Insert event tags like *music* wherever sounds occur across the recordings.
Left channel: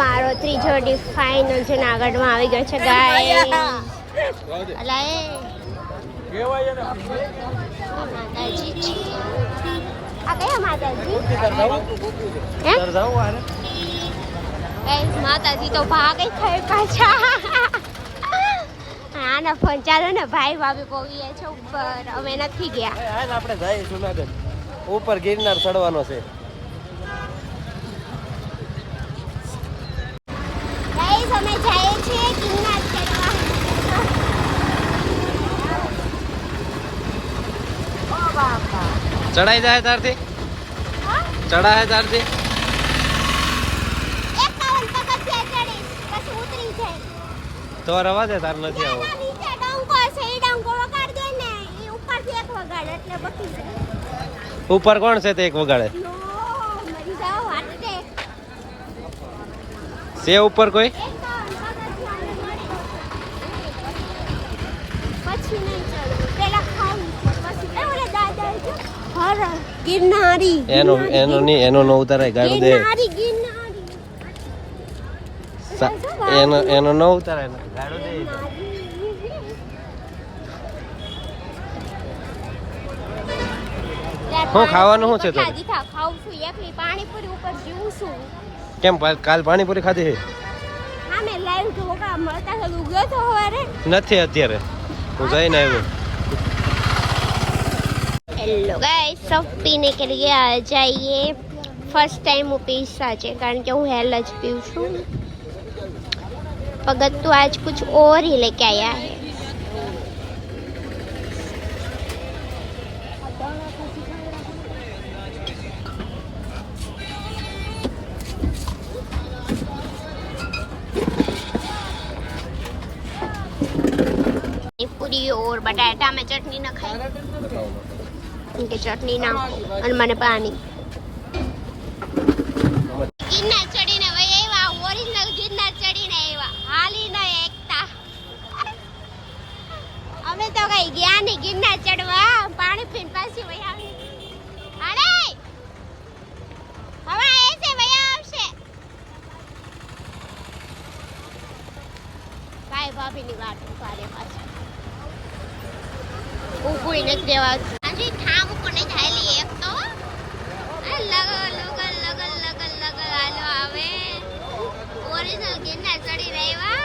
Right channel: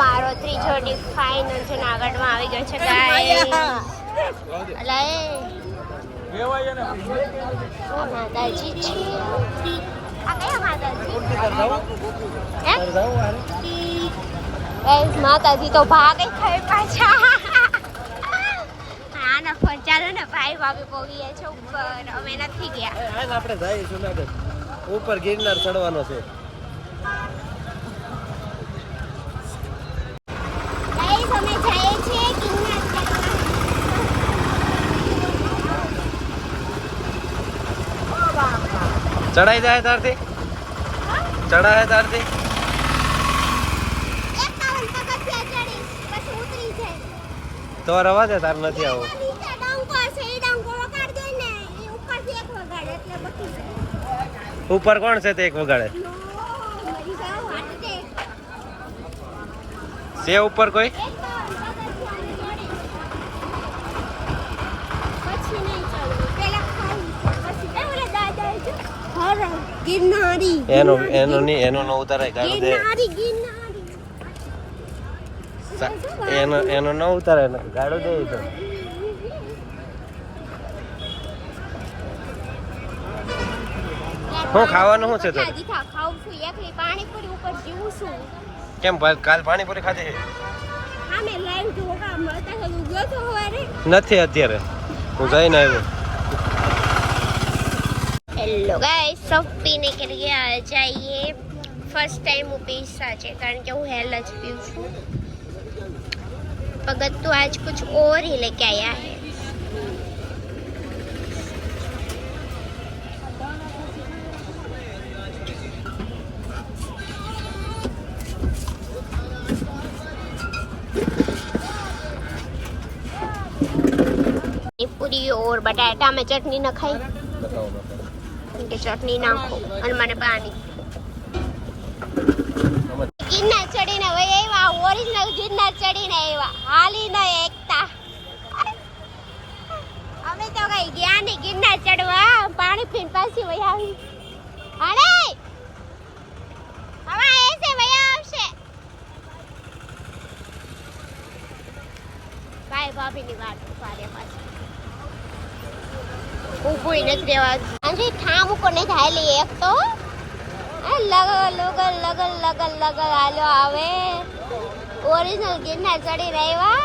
અમારો ત્રીજો deep final જુનાગઢમાં આવી ગયો છે ગાય અલા એ માતાજી છે આ કયા માતાજી માતાજી તો ભાગે ખાઈ પાછા. હા ના ફોન ચાલો ને ભાઈ ભાભી પોવીએ ગયા છે ઉપર. અમે નથી ગયા. આપણે જાય જુનાગઢ. ઉપર ગિરનાર ચડવાનો છે. ગાઈસ અમે જઈએ છીએ ગિરનાર ચડવા. ચડાઈ જાય તારથી? ચડાય તારથી? તો રવા દે તાર નથી આવો ઉપર કોણ છે તે એક વગાડે નો મરી જાવ વાટતે છે ઉપર કોઈ એકાવન પગથિયા ચડી પછી નહીં ચડવું પેલા ખાઈ પછી એ ઓલા દાદા જો ઉપર કોઈ? એનો એનો નહીં એનો ન ઉતારાય ગાડી દે. એનો એનો ન ઉતારાય ગાડો દે તો. હું ખાવાનું શું છે તો ખાવું છું એકલી પાણીપુરી ઉપર જીવું છું. કેમ પા- કાલ પાણીપુરી ખાધી છે હા મેં લાઈવ ઢોકા મળતા તો ઉગ્યો તો હવારે નથી અત્યારે હું જઈને આવ્યો हेलो गाइस सब पीने के लिए आ जाइए फर्स्ट टाइम હું પીસા છે કારણ કે હું હેલ જ પીઉં છું भगत तो आज कुछ और ही लेके आया है પૂરી और बटाटा में चटनी न खाई કે ચટણી નાખો અને મને પાણી ગિરનાર ચડીને વહી આવ્યા ઓરિજિનલ ગિરનાર ચડીને આવ્યા હાલી ન એકતા અમે તો કઈ ગયા નહીં ગિરનાર ચડવા પાણી પીને પાછી વહી આવી અરે હવે એસે વહી આવશે ભાઈ ભાભીની વાત ઉપાડે પાછી ઊભું નથી રહેવાતું હાજી ઠામ ઉપર નહીં થાય લે એક તો. લગલ લગલ લગલ લગલ લગલ હાલો આવે. ઓરિજિનલ ગિરનાર ચડી રહ્યા.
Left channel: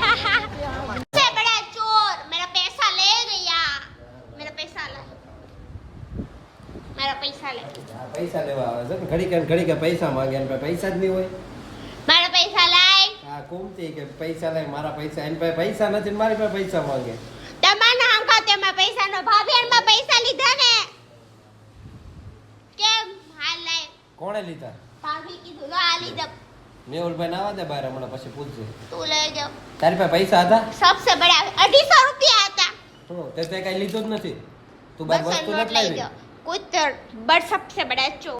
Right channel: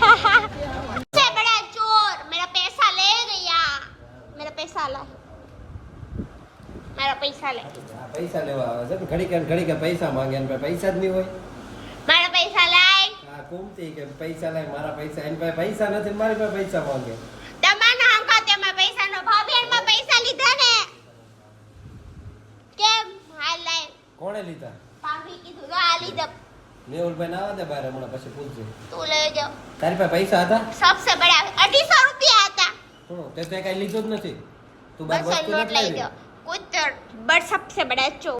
*laughs* ચોર મેરા પૈસા લે ગયા મેરા પૈસા લા. મારા પૈસા પૈસા લેવા આવે છે. ઘડી કે ઘડી કે પૈસા માંગે પૈસા જ નહીં હોય. કુમતી કે પૈસા નહીં મારા પૈસા એની પાસે પૈસા નથી મારી પાસે પૈસા માંગે. તમાના લીધા તું લઈ જાવ તારી પાસે પૈસા હતા? સબસે બડા 250 હતા. કઈ લીધું જ નથી. તું બસ વસ્તુ નથી કુતર બટ સબસે બડા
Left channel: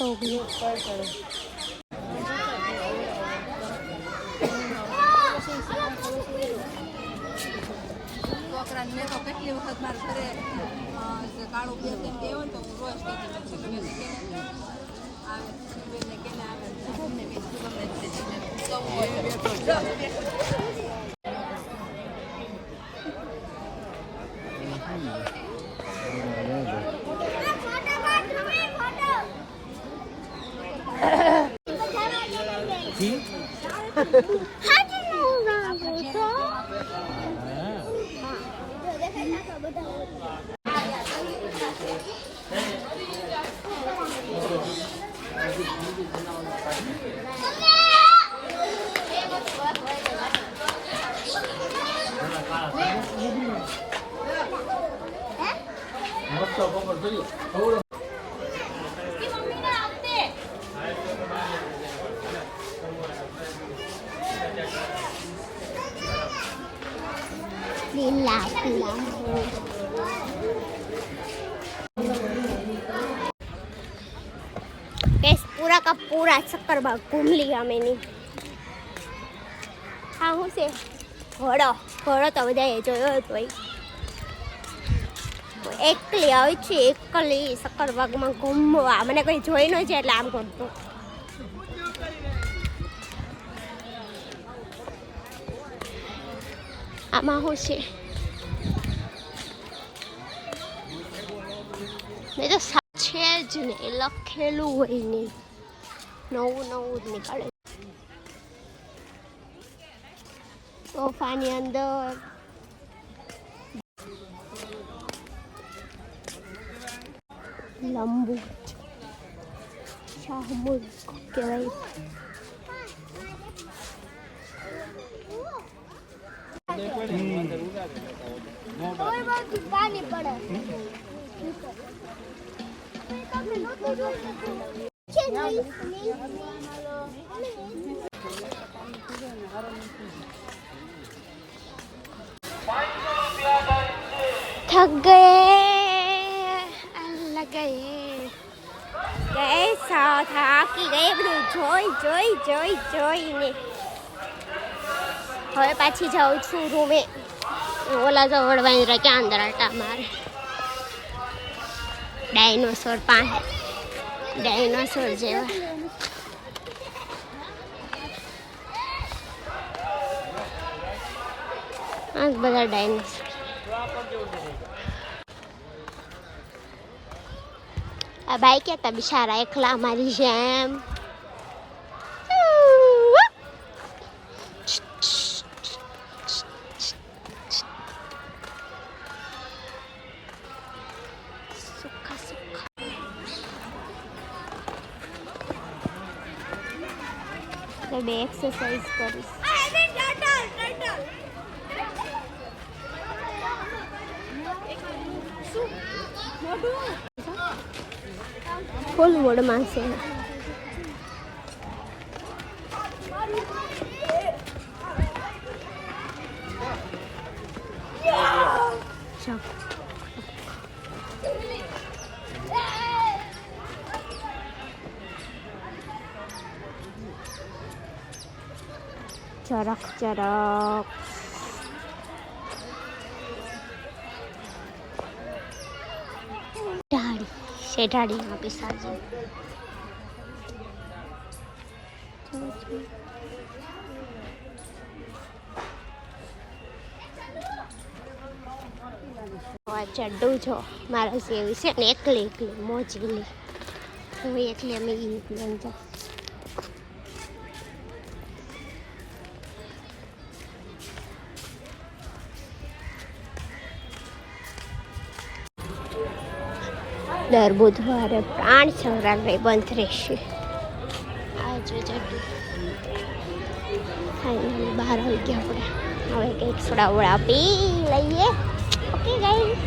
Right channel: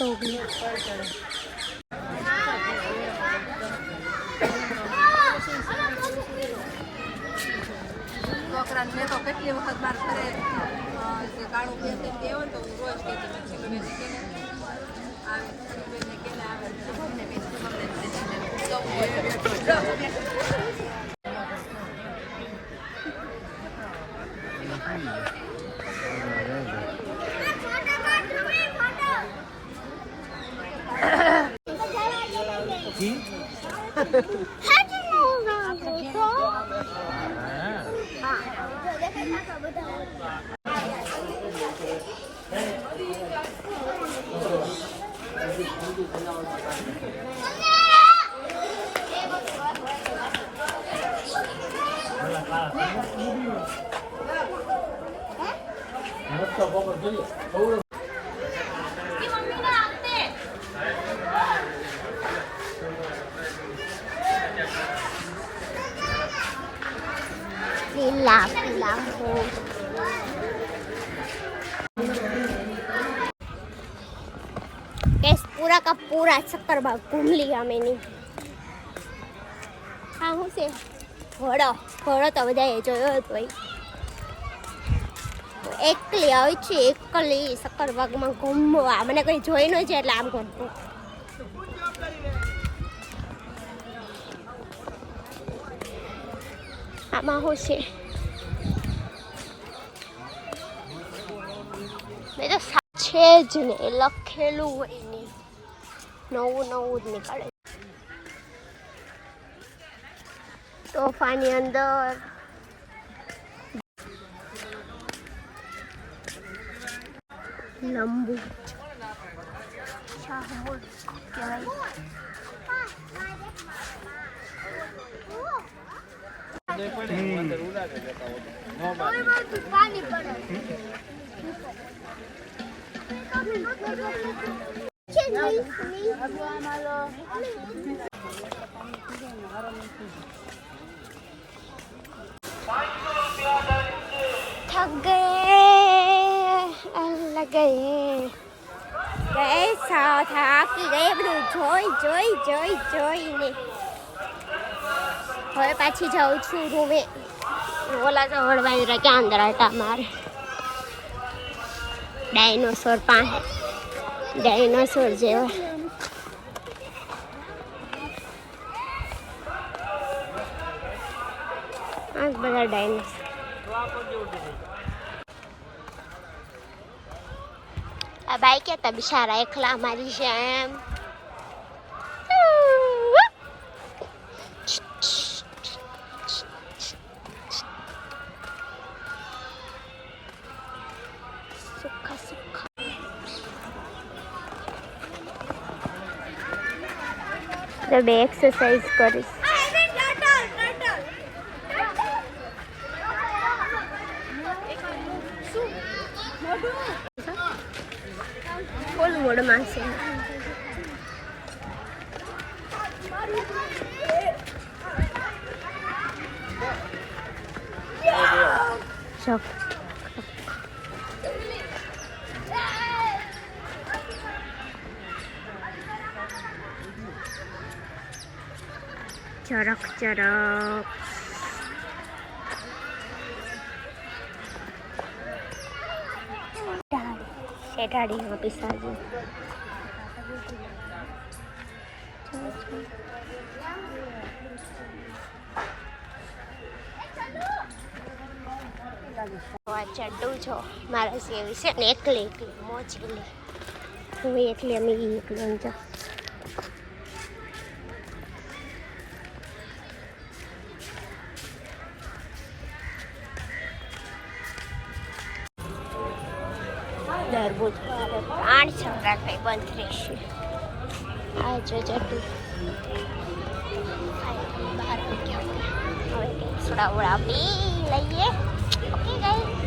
તો ગયા છોકરાને મેં તો કેટલી વખત માર ઘરે અ, જે કાળું બેન તેમ કહેવો ને તો હું રોજ કહેતી મારી છોકરીઓને કેને આવે છોકરીઓને કેને આવે ગમે બેન ગમે તે દીને જવું હોય 哈哈哈！阿婆，妈，你看看怎么搞？妈呀！我吃饱了，पूरा का पूरा चक्कर बाग घूम लिया मैंने હા હું છે ઘોડો ઘોડો તો બધાએ જોયો જ હોય હું એકલી આવી છું એકલી સક્કરબાગમાં ઘૂમવા મને કોઈ જોઈ ન છે એટલે આમ કરતું આમાં શું છે મેં તો સા- છે જ ને લખેલું હોય ને નવું નવું જ નીકળે તોફાની અંદર. લંબુ. શાહબુદ કહેવાય. थक गए लग ગયે ગયે સા થાકી ગયે બધું જોઈ જોઈ જોઈ જોઈને હવે પાછી જાઉં છું રૂમે. ઓલા તો વળવાની રજા અંદર હતા મારે. ડાયનોસોર પાસે. ડાયનોસોર જેવા આ જ બધા ડાયનોસોર આ ભાઈ કેતા બિચારા એકલા મારી જેમ બે એક્સરસાઇઝ કરીશ. ફૂલ મોડમાં છે. શોખ ચરક ચરક શેઠાડીમાં પિસાજી ચડ્ડું છો. મારા જેવી છે ને એકલી એકલી મોજ મોજેલી હું એકલી, અમે એકલી એમ જો દર બુધવારે પ્રાણ સંગ્રહાલય બંધ રહેશે. આ જો જતું ફાઇનલી બહાર આવી ગયા આપણે હવે કંઈક સડાવડા પી લઈએ. Okay guys?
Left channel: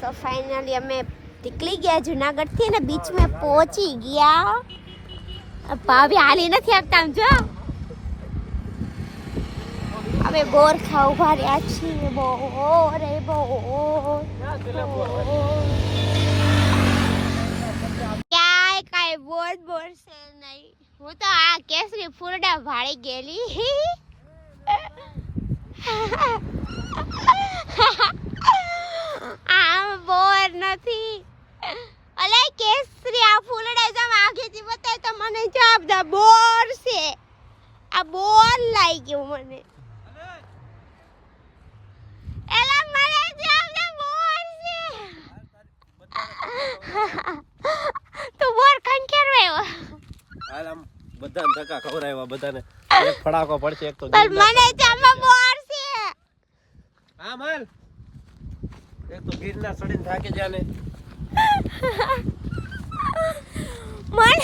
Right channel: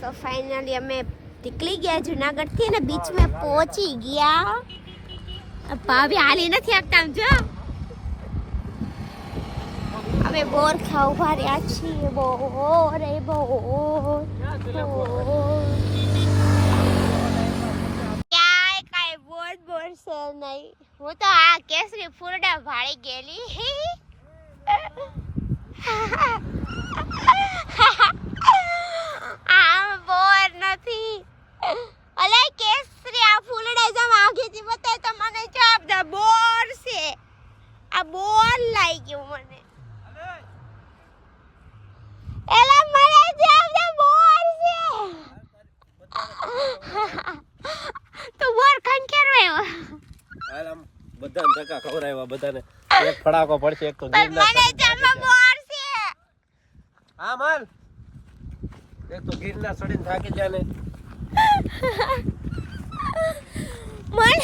સો ફાઇનલી અમે નીકળી ગયા જુનાગઢથી ને બીચ મેં પહોંચી ગયા. ભાભી હાલી નથી આપતા આમ જો. અમે બોર ખા ઊભા રહ્યા છીએ. બોર રે બોર. બોર. બોલ બોલ છે નહીં. હું તો આ કેસરી ફૂલડા ભાળી ગયેલી. આ બોર નથી. અલે કેસરી, આ ફૂલડા જમ આગેથી બતાય તો મને જવાબ દા બોર છે. આ બોર લાગી ગયું મને એલા મને જ્યાં બધા બોર છે તો બોર કણ કેરવાયો હાલ આમ બધાને ધક્કા ખવડાવ્યા બધાને એક ફડાકો પડશે એક તો પણ મને ત્યાંમાં બોર છે. હા માલ એ તો ગીરના સડીને થાકી જાય ને. મને